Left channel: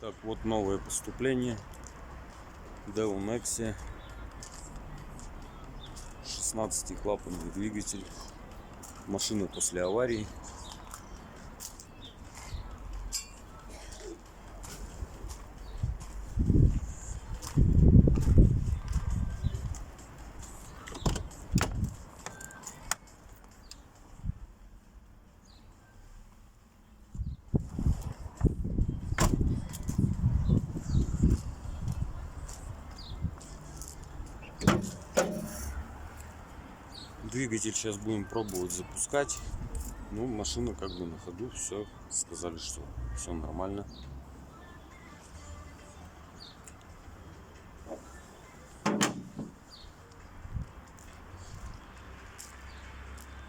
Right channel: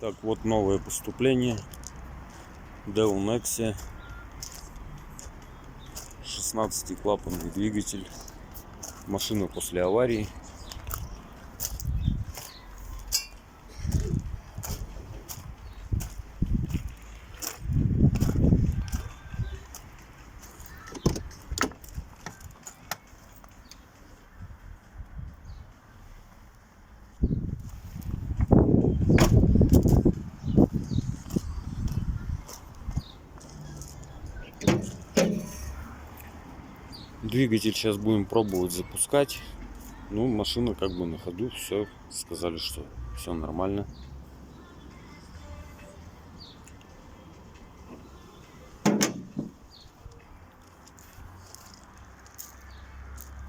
Так, вот новое поступление. Нексия. 16-клапанный двигатель. Машина после аварии. Двигатель сейчас будем пробовать запускать. Ну, машина как бы на ходу, все, сказали, что все нормально.